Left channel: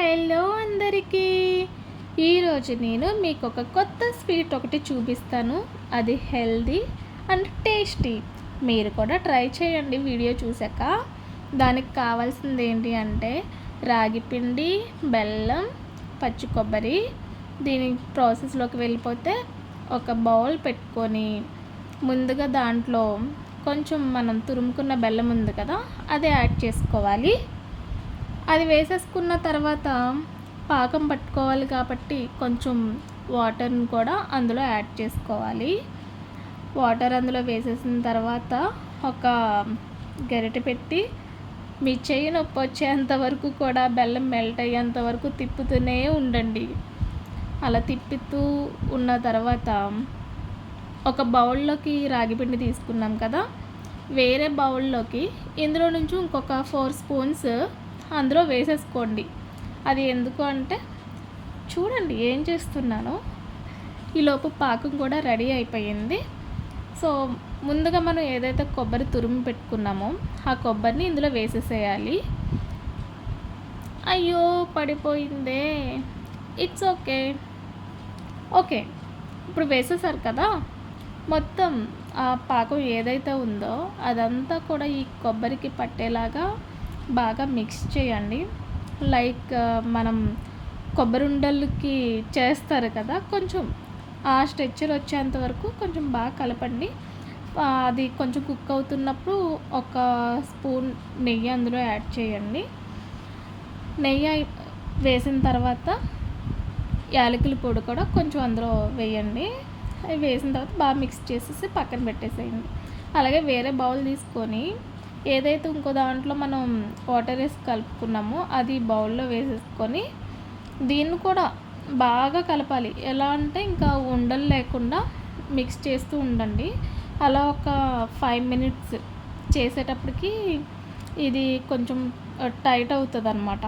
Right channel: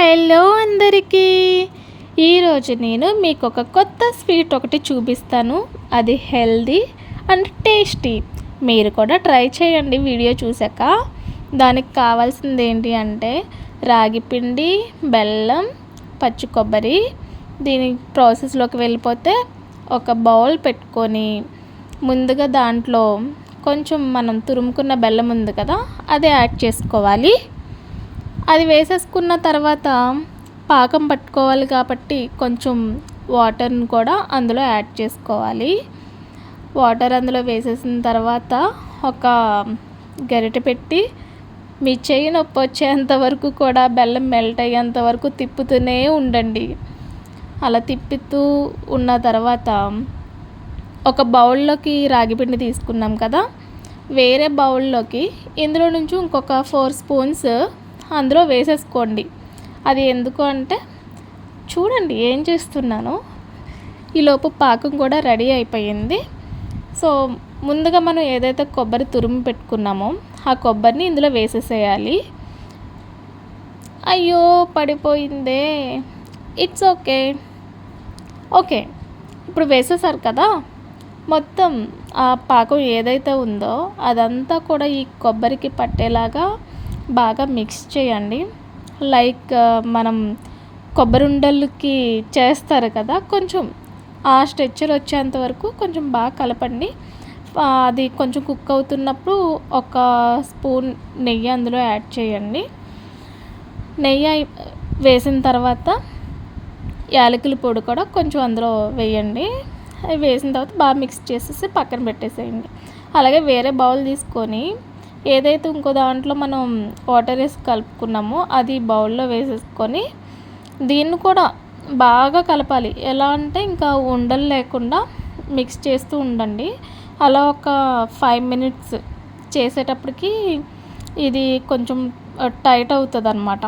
Hello అందరికీ. ఈరోజు నేను మీకు ఒక కొత్త స్వీట్ ఒకటి చూపిస్తాను. అది హెల్దీ అండ్ టేస్టీ. మీరు కూడా ట్రై చేయండి వీడియో చూసాక. దానికి కావాల్సింది ఏంటి అంటే రాగి పిండి, బెల్లం, పచ్చి కొబ్బరి. దీని ప్రాసెస్లోకి వెళ్ళిపోతే ఒక బౌల్ పెట్టుకొని ముందుగా దాంట్లో కొంచెం మనం తురుముకున్న బెల్లం ఉంది కదా, అది యాడ్ చేసుకోవాలి. అది వేసేసుకున్న తర్వాత పాకం పట్టుకోవాలి కాబట్టి కొంచెం వాటర్ని కూడా అందులో యాడ్ చేసుకోవాలి. వాటర్ అందులో వేసేసిన తర్వాత ఒక గరిటె పెట్టి మీ చెయ్యి నొప్పి వచ్చేంత వరకు కూడా బెల్లం మెల్ట్ అయ్యేంత వరకు తిప్పుతూనే ఉండండి. అలా తిప్పుతూ ఉన్న తర్వాత ఒక బౌల్లోకి రాగిపిండి తీసుకున్నాం కదా, వేరే బౌల్లోకి ఇందులో నుంచి ఇంకొక 4 స్పూన్స్ అందులో వేసేసుకోండి. అది ఎందుకు అంటే చూడండి ఏం చేస్తున్నానో. ఈలోపు పాకం కూడా రెడీ అయిపోయింది. సో ముందుగా మనం ఏదైతే కొబ్బరి తురుము పెట్టుకున్నామో ఆ కొబ్బరిని ఇందులో వేసేసేయాలి. అయ్యో పడిపోయిందే. It's okay. ఇప్పుడు వేసేసారు కదా, మొత్తం ఆ పాకం ఏదైతే ఉందో అదంతా కూడా ఈ కొబ్బరికి పట్టేలాగా బాగా మిక్స్ చేయండి. లైక్ మనం కొబ్బరి ఉండలకి చేస్తారు కదా, కొంచెం ఆ స్ట్రెచ్చర్ వచ్చేంత వరకు కొంచెం బాగా కలపండి. అది కొంచెం కుక్ అవుతున్నప్పుడు ఒక స్పూన్ నెయ్యి అందులో యాడ్ చేయండి. నెయ్యి వేసిన తర్వాత యాలకుల పొడి కూడా కొంచెం అందులో వేయండి. అవి వేసిన తర్వాత బాగా మిక్స్ చేసేసి పక్కన పెట్టేసేయండి. అలాగే వేరే బౌల్ తీసుకొని ఏదైతే ఇంకో దాంట్లో మనం వాటర్ వేసి కలుపుకున్నామో అది బౌల్లో వేసేసుకొని దీన్ని కూడా బాగా కలపాలి. ఎలా అంటే ఇంకా ఉండలు లేకుండా మిక్స్ చేస్తూ ఉండండి. అలా ఒక 5 మినిట్స్ చేసేటప్పటికి ఇది కొంచెం టైట్ అవుతుంది అన్నమాట.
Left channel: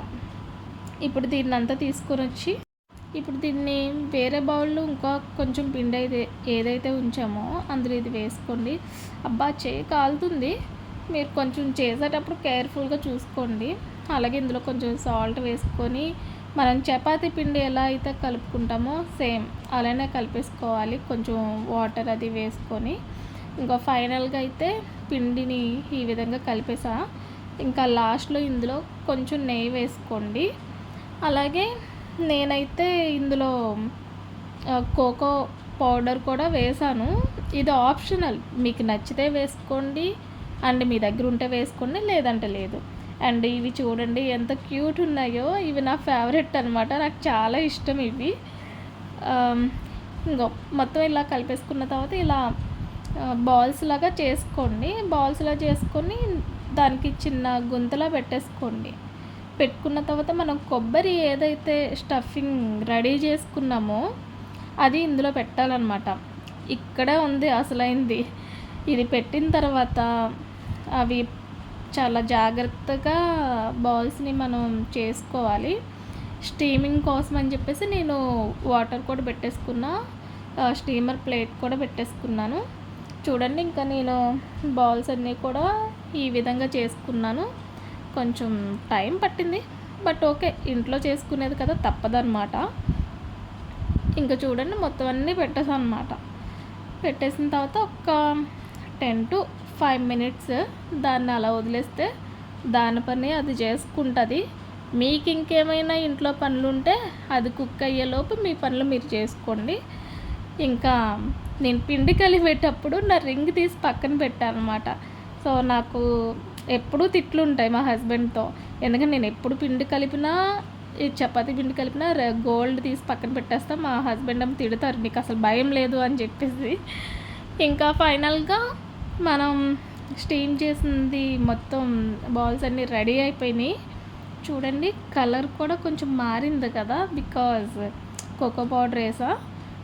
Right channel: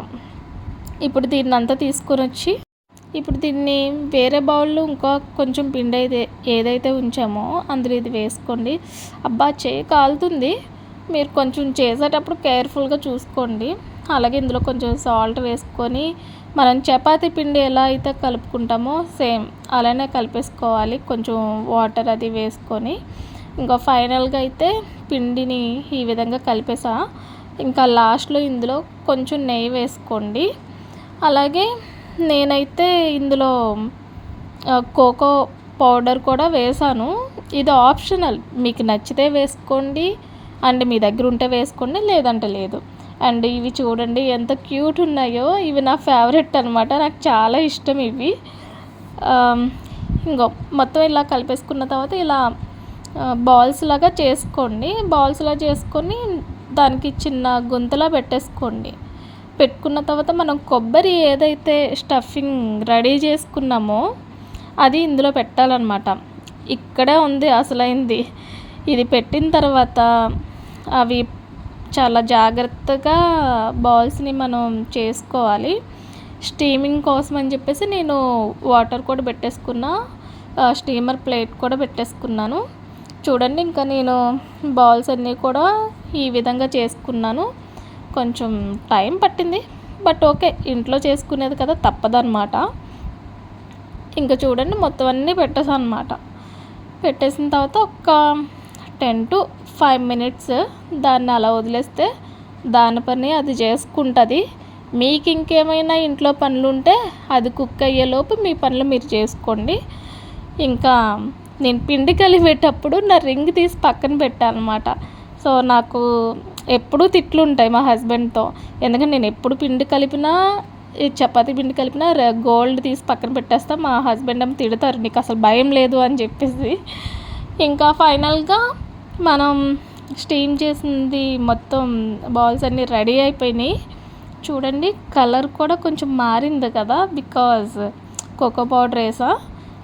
ఇప్పుడు దీన్ని అంతా తీసుకొని వచ్చి ఇప్పుడు దీన్ని వేరే బౌల్లో ఇంకా కొంచెం పిండి ఏదైతే ఉంచామో అందులో ఇది వేసుకోండి. అబ్బా చేయి కాలుతుంది. మీరు కొంచెం చేసేటప్పుడు కేర్ఫుల్గా చూసుకోండి. అలాగే ఇందులో కొంచెం సాల్ట్ వేసుకొని మనం చపాతీ పిండి ఎలా అయితే కలుపుకుంటామో సేమ్ అలానే కలిపేసుకోవాలి. కొంచెం వాటర్ అది వేసుకొని ఇంకా ఫైనల్గా అయితే పిండిని ఈ విధంగా కలిపేసా. ఇంకా లాస్ట్లో ఇందులో కొంచెం నెయ్యి వేసుకోండి. అలాగే నేనైతే ఇందులో కోకో పౌడర్ కూడా వేసాను. ఇది ఆప్షనల్, మీకు నచ్చితే వేసుకోండి అండ్ మీ దగ్గర ఉంటే వేసుకోండి, లేదంటే లేదు. అండ్ ఇవి చూడండి ఎంత క్యూట్ ఉన్నాయో. ఇవి నా ఫేవరెట్ అనమాట, నాకు చాలా ఇష్టం ఇవి. ఇంకో మొత్తం ఇలా కలిపేసుకున్న తర్వాత ఇలా బాల్స్ లాగా చేసుకోండి. బాల్స్లా చేసుకొని దానికి చిన్న గుంతలా పెట్టేసుకోండి. పెట్టుకున్న తర్వాత మనం కొబ్బరి ఏదైతే స్టఫింగ్ రెడీ చేసుకున్నామో అది ఇందులో పెట్టాలన్నమాట. ఇక్కడే ఉంది అసలైంది. ఇది పెట్టిన తర్వాత అవి చాలా జాగ్రత్తగా బాల్స్ని మనం చేసుకోవాలి. స్టీమింగ్ కోసం అని చెప్పేసి నేను వాటర్ కూడా పెట్టేసుకున్నా, స్టీమర్ ప్లేట్ కూడా పెట్టేసుకున్నాను. చూడండి ఇంకా నేను బాల్స్ అన్నీ కూడా ఈ విధంగా చేసుకున్నాను. కొంచెం టైం పట్టింది, బట్ ఓకే, ఇంట్లో చేసుకునేది కదా తప్పదన్నమాట. ఇంకా చూడండి మొత్తం అన్నీ పెట్టేసాను అన్నమాట. పెట్టేసిన తర్వాత ఒక 10 to 5 మినిట్స్ దాన్ని అలా వదిలేస్తే దాని పని అది చేసుకుంటుంది. మీకు ఇంకేమైనా ఇంట్లో పనులు ఉంటే అది కుక్ అయ్యేలోపు మీ పనులు మీరు చేసుకోండి. ఇంకా నేను పిండి కలిపేటప్పుడు నా రింగ్ తీసి పక్కన పెట్టాను అనమాట. సో నాకు ఎప్పుడూ తిట్లు ఉంటాయి మా హస్బెండ్తో. ఎందుకంటే నేను ఎప్పుడు పిండి కలిపినా, ఈ చపాతీ పిండి కలిపినా గోల్డ్ తీసి పక్కన పెట్టేస్తా. మా హస్బెండ్ ఏమో తిడతారు, నీకు అసలు భయం లేదు అని చెప్పేసి. ఇంకా ఫైనల్గా మనం స్టీమ్ చేసింది మొత్తం బాల్స్ అన్నీ రెడీ అయిపోయినాయి. చూడండి కలర్ కూడా కొంచెం మారింది కదా, బికాజ్ కోకో పౌడర్ వేసా.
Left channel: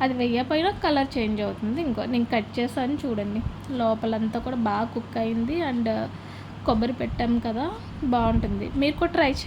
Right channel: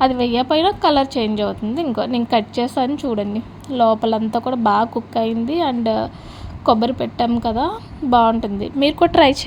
అది వేయకపోయినా కలర్ చేంజ్ అవుతుంది. ఇంకో నేను కట్ చేసాను చూడండి, లోపలంతా కూడా బాగా కుక్ అయింది. అండ్ కొబ్బరి పెట్టాము కదా, బాగుంటుంది. మీరు కూడా ట్రై చేయండి.